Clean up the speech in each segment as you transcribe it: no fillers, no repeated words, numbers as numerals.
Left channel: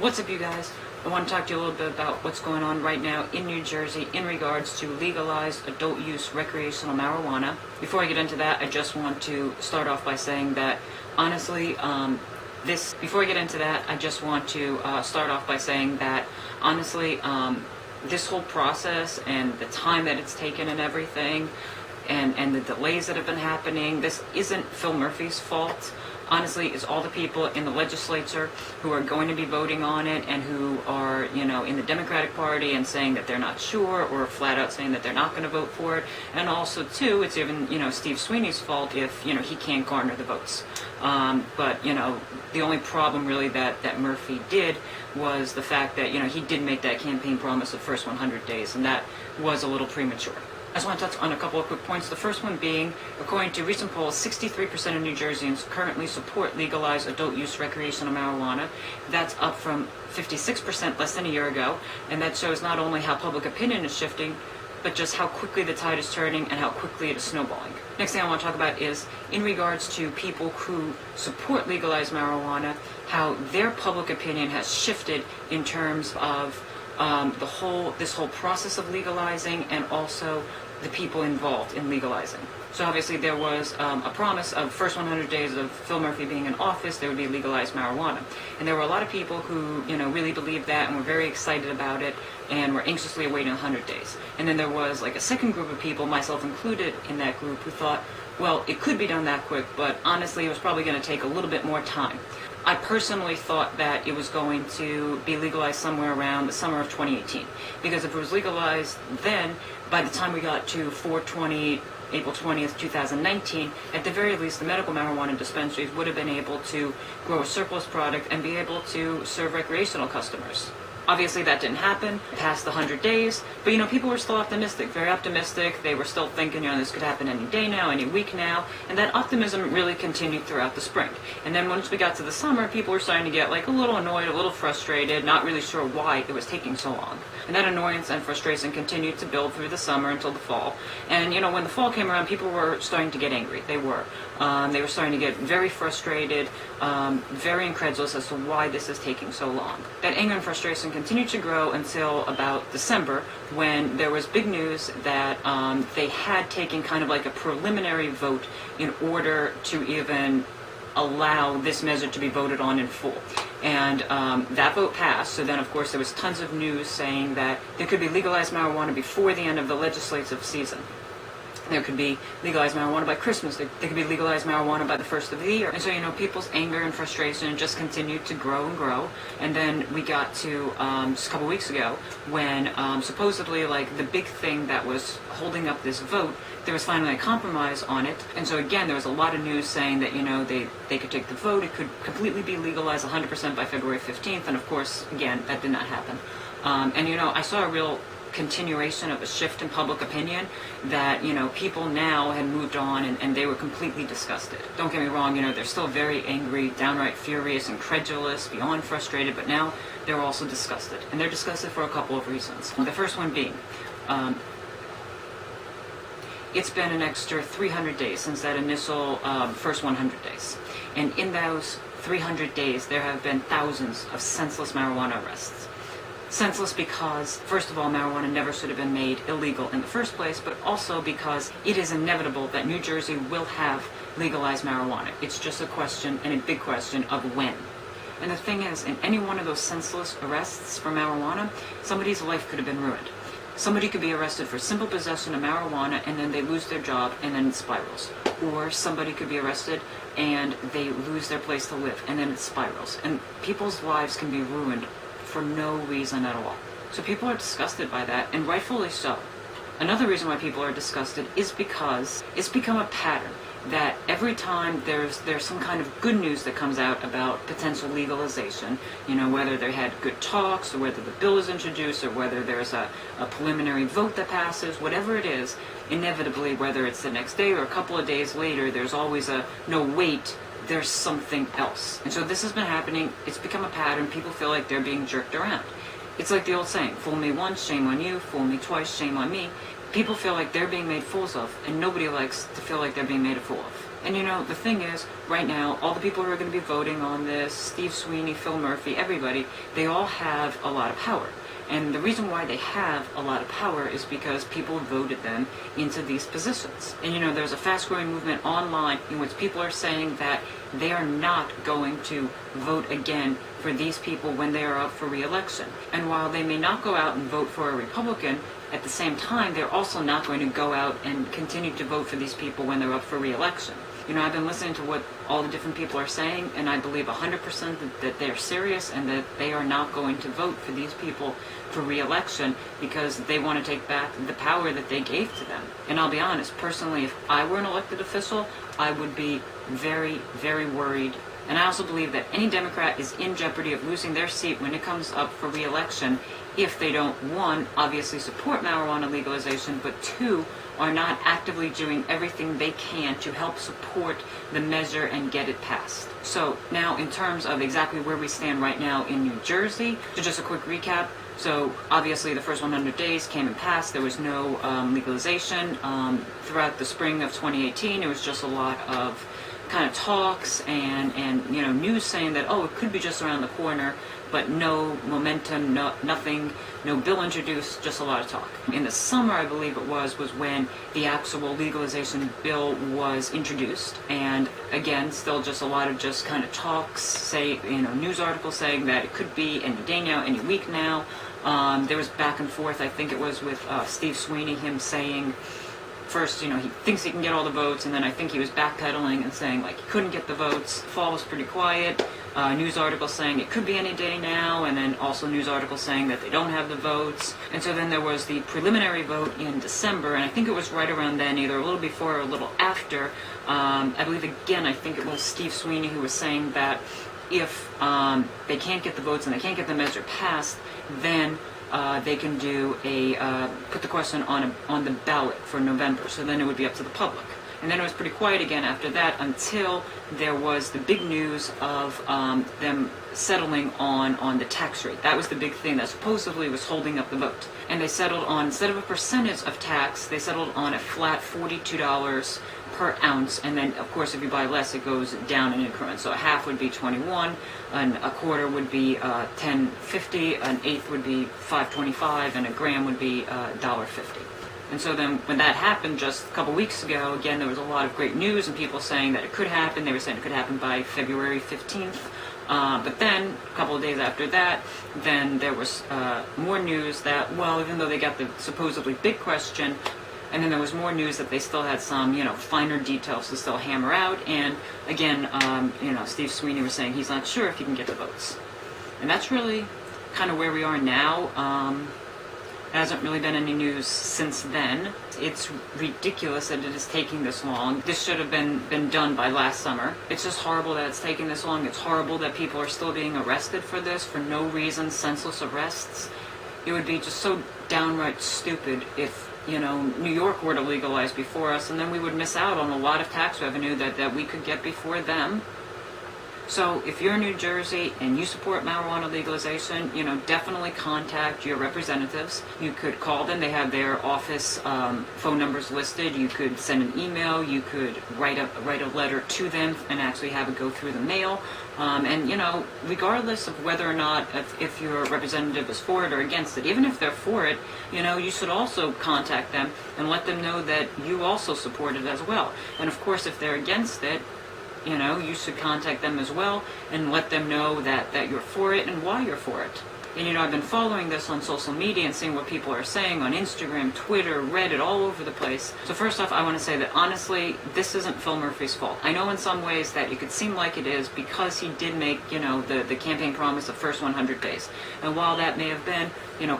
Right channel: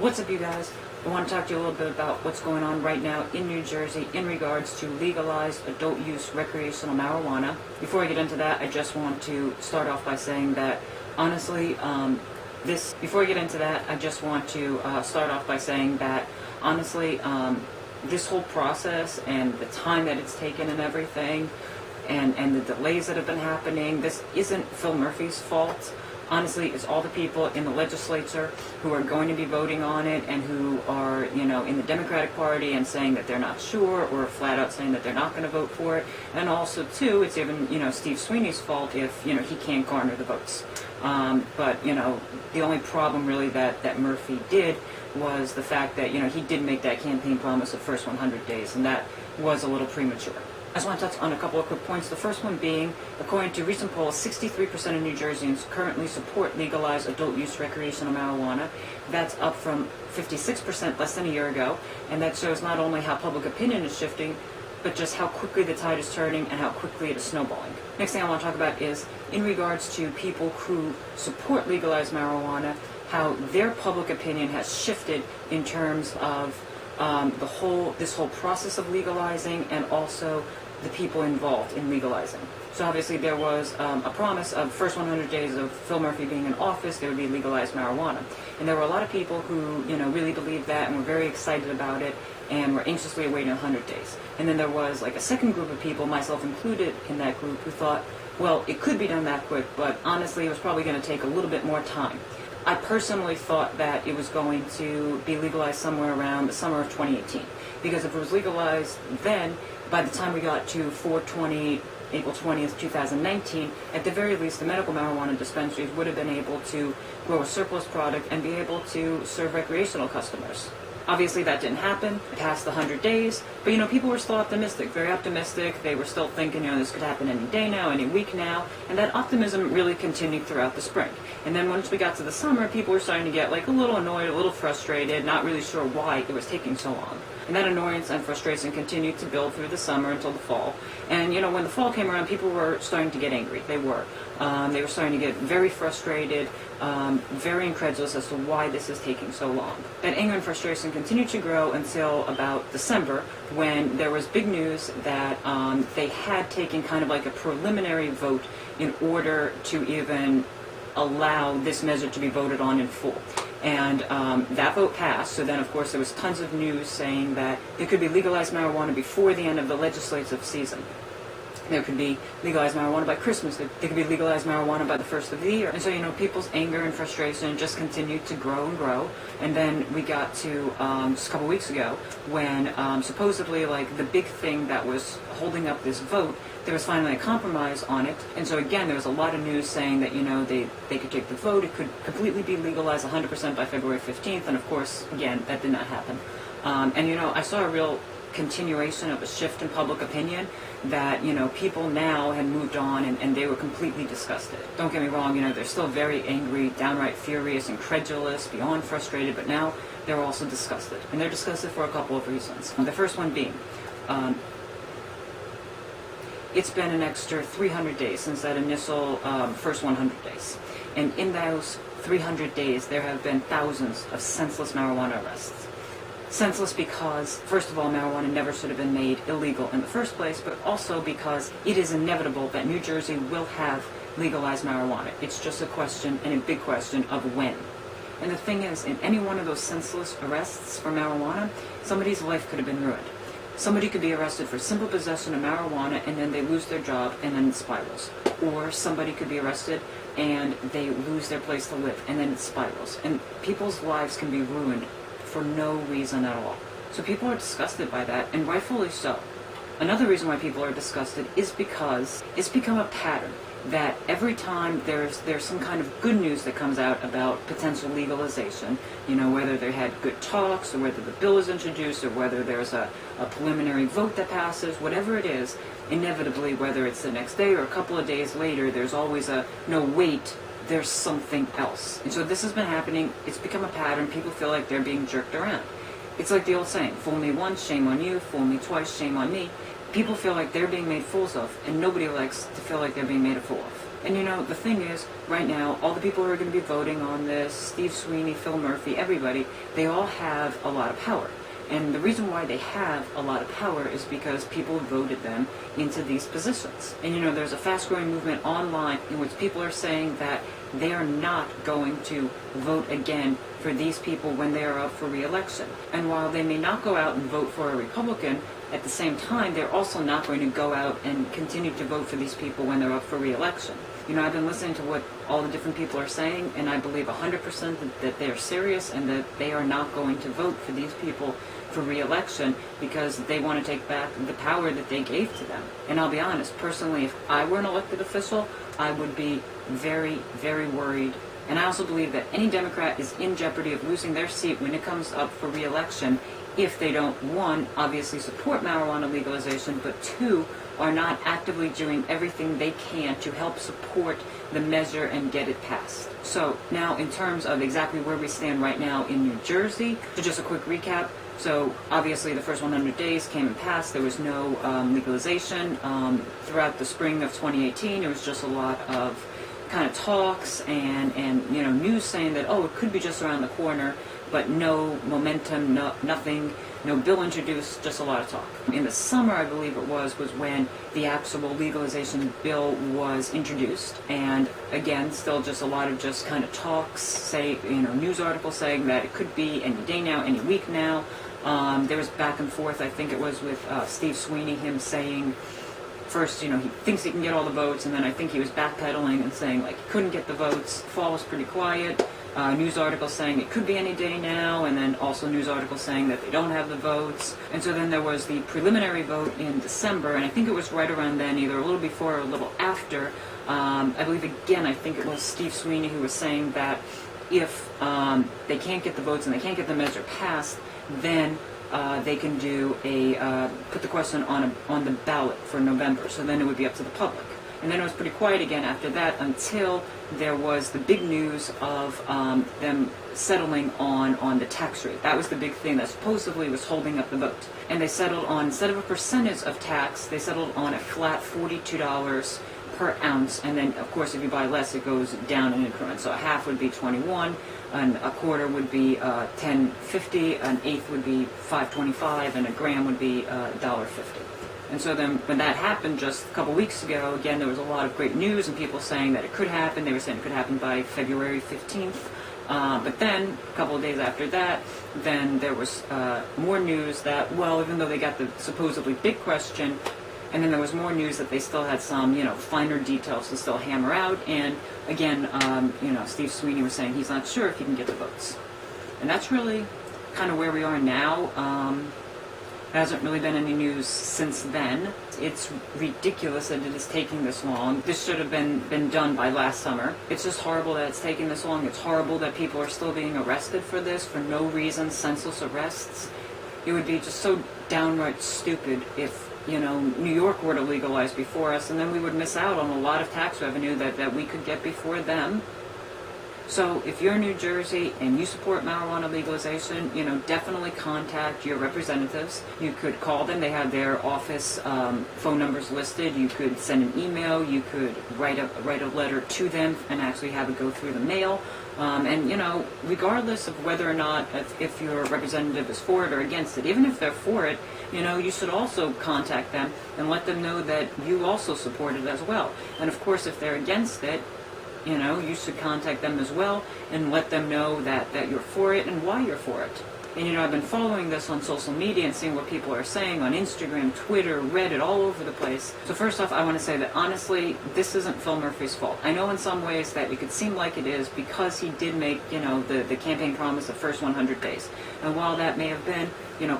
What's up, you guys? I want to talk to you a little bit about what's going on right now in New Jersey in regards to legalized adult use recreational marijuana. Before I get into that, I just want to start off by saying that honestly, this whole process and the time that it's taken and everything, and the delays that have been happening, this isn't Phil Murphy's fault. Honestly, it's all the people in the legislature who are going to be voting on it and who are, in the Democratic Party and saying that they're not sure, or flat out saying that they're not going to vote for it. And also, too, it's even, Steve Sweeney's fault if, he can't garner the votes. But the only problem really that Murphy did was the fact that, he did make that campaign promise of first 100 days, and that was a little premature. I just want to touch on a couple of quick points. The first one being, according to recent polls, 63% of New Jerseyans currently support legalized adult use recreational marijuana. That's up from 56% less than a year ago, and that shows not only how public opinion is shifting, but just how quickly the tide is turning and how quickly it is snowballing. Next thing I want to talk about is, in regards to people who support legalized marijuana, how their public opinion has shifted in terms of this whole process of legalizing, and also the people involved in legalizing. So obviously there was a promise of first 100 days of Phil Murphy being in office, there would be legalized marijuana. And there were a lot of people who, really believed that and were very excited about it and were anxiously awaiting 100 days. And then there was like a second group of people, myself included in that group, who thought, well, it could be done that quick, but honestly it was probably going to take a little bit more time. I personally thought that it was going to be legalized somewhere around the summer of 2018, because if it was legalized then, by the time we got to April 20th, 2019, at the very least the medical marijuana dispensaries would have been able to grow a surplus product and be able to serve recreational customers. Obviously that didn't happen past the 100 days, but people were still optimistic, very optimistic. They were still thinking, this could happen any day now, any week now, and that optimism really continued throughout the spring. And then once we got to the summer, people were starting to get a little annoyed, a little frustrated, not really sure why it was taking so long. And that annoyance and frustration continued to build through the summer until the fall. And when the fall came around, people were starting to get angry. They were starting to get very frustrated, very incredulous as to why this is taking so long. That anger and frustration continued to grow until about December, when there was big news that they had taken kind of like a preliminary vote in order to even allow this measure to be voted on in full. And that vote passed, so then of course there was tons of news saying that there could be legalized marijuana before the end of the legislative season. There could be legalized marijuana by Christmas. There could be legalized marijuana by the first of the year. And so, people's anger and frustration just continued to grow and grow. And then we got to just a couple weeks ago when supposedly the big thing that was holding up this vote, there was finally a compromise on it. And so again, there was a lot of news saying that, they could take the vote. It could completely be legalized 100% by February 15th. And of course, again, that did not happen. I saw a real continuation of a shift in public opinion that people now had moved on and they were completely disgusted. Don't get me wrong, they're still very angry, downright furious, incredulous, beyond frustrated, but now they're also disgusted, and they're disgusted for a couple of reasons. The first one being, it's been an extra 300 days since that initial first 100 days, and in those 300 days there have been thousands of senseless marijuana arrests. Senseless because, first of all, marijuana never should have been made illegal in the first place, but also because it is inevitable that New Jersey will have legalized marijuana. It's just a question, and a big question, of when. And the thing is, in any one of those senseless arrests for marijuana, somebody's life could have been ruined. Somebody could be arrested for simple possession of marijuana and then they lose their job and then it spirals. Or somebody could be arrested and they lose their place to live and then it spirals. And people's lives can be ruined for no reason at all. So people are disgusted by that, and rightfully so. Another reason why people are disgusted is because it's become a pattern that every time there's some kind of good news that comes out about potential legalization, whether they had good talks, or whether the bill is introduced, or whether there's a preliminary vote that passes, whatever it is, inevitably, whether it's the next day or a couple of days later, there's always a, no wait, there's something else. And so this has been happening, it's become a pattern, people feel like they're being jerked around. It's like the old saying, fool me once, shame on you, fool me twice, shame on me. People feel like they're being made fools of, and nobody likes to feel like they're being made a fool of. And the thing is, right now, all the people who are going to be voting on this, Steve Sweeney, Phil Murphy, everybody, they all have a lot of power. And the reason why they have a lot of power is because people voted them into these positions. And there's a fast-growing movement online in which people are saying that they are not going to vote again for these people when they are up for re-election. And while they may not go out and vote for a Republican, at the same time, they're also not going to go out and continue to vote for these people when they're up for re-election. I've been listening to what all the different people are saying, and I believe 100% that they're serious and that they are not going to vote for these people for re-election because they want to take back the power that they gave to them. And I'll be honest, personally, if I were an elected official, I would be very, very worried. And I also believe that any Democrat is in jeopardy of losing their seat when it comes up for re-election if they don't, one, obviously support marijuana legalization, but two, are not actively doing everything they can to help support the measure and get it passed. So now in terms of exactly where we stand right now in New Jersey, so just a quick recap. So obviously the first 100 days came and passed. There was no legalization. Throughout the spring of 2018, it was just a lot of kind of talks and news saying that, oh, it could be just around the corner, but no momentum, nothing, no bill introduced, just a lot of talk. In the summer, I believe it was when the actual legalization bill was introduced, and again, still just a lot of just kind of talks, news articles saying that it could be any day now, any week now. There was back and forth, I think it was with Steve Sweeney, him saying, first, he thinks he can get all the votes, and then I think he was backpedaling and saying, he couldn't get the votes. Fall was pretty quiet. News articles saying it could be any day now, and then also news articles saying that they don't have the votes. And so then there was the preliminary vote in December, and I think it was right around then, either a little before or a little after. I believe, again, I think it was Steve Sweeney who was saying that if they can't get the votes and they can't get the measure passed, then they can do put the question on the ballot for November. So then it would be up to the public. And then it was pretty quiet again after that until there was the big news of them settling on the tax rate. That was the big thing that supposedly was holding up the vote. And they settled on, instead of a percentage of tax, they settled on a flat $42 per ounce. And then, of course, if you buy less, it goes down in increments. So a half would be $21, and a quarter would be $10.50, an eighth would be $5.25, and a gram would be $1.50. And so then when that happened just a couple weeks ago, again, there was a lot of great news and people saying that it could happen. They were saying it could happen by February 15th. But then, a couple of days after that, then there was more news that, well, even though they got the supposedly big question, and then there was more news that they still had some, finer details to still hammer out. And again, Steve Sweeney was saying he's not sure if he can get the votes. And that's really kind of where we are now. There hasn't really been any news since then. It's ridiculous that it is taking this long. This should have been done by last summer. It's just horrible that it's taking this long. It's horrible that people are still being arrested for this for no reason, senseless arrests. It would be just so downright stupid if, New York were to legalize before us, and then we would miss out on a lot of tax revenue that we could get before them. So if you're in New Jersey and you support marijuana legalization, definitely contact your representatives. You could call them. They have their office phone numbers listed. You could send an email. You could write a letter to them and actually have it go through the mail. And, regardless of whether or not if your representative is for it or against it, even if they're for it, you should also contact them and let them know that you also support it as well. And of course, if they're against it, you should contact them as well and let them know that you're for it and why you're for it. And, I've been following this on social media and seeing what people are saying on Instagram, Twitter, Reddit, all over the place. So first off, I want to say that honestly, this isn't Phil Murphy's fault. I know in some ways that it could seem like it is because he did make, the campaign promise of first 100 days. And while that may have been,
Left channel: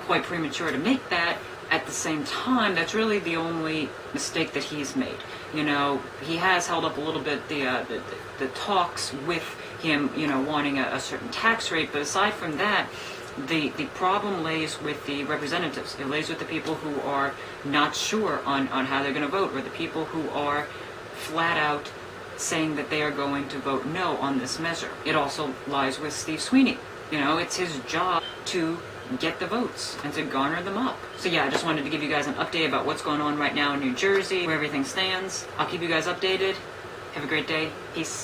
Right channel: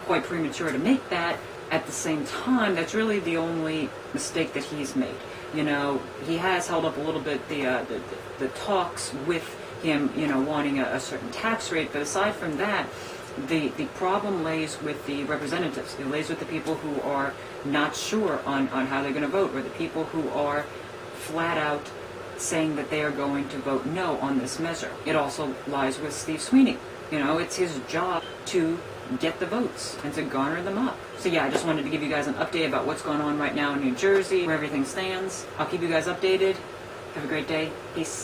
quite premature to make that, at the same time, that's really the only mistake that he's made. He has held up a little bit the talks with him, wanting a certain tax rate. But aside from that, the problem lays with the representatives. It lays with the people who are not sure on how they're going to vote, or the people who are flat out saying that they are going to vote no on this measure. It also lies with Steve Sweeney. It's his job to get the votes and to garner them up. So yeah, I just wanted to give you guys an update about what's going on right now in New Jersey, where everything stands. I'll keep you guys updated. Have a great day. Peace.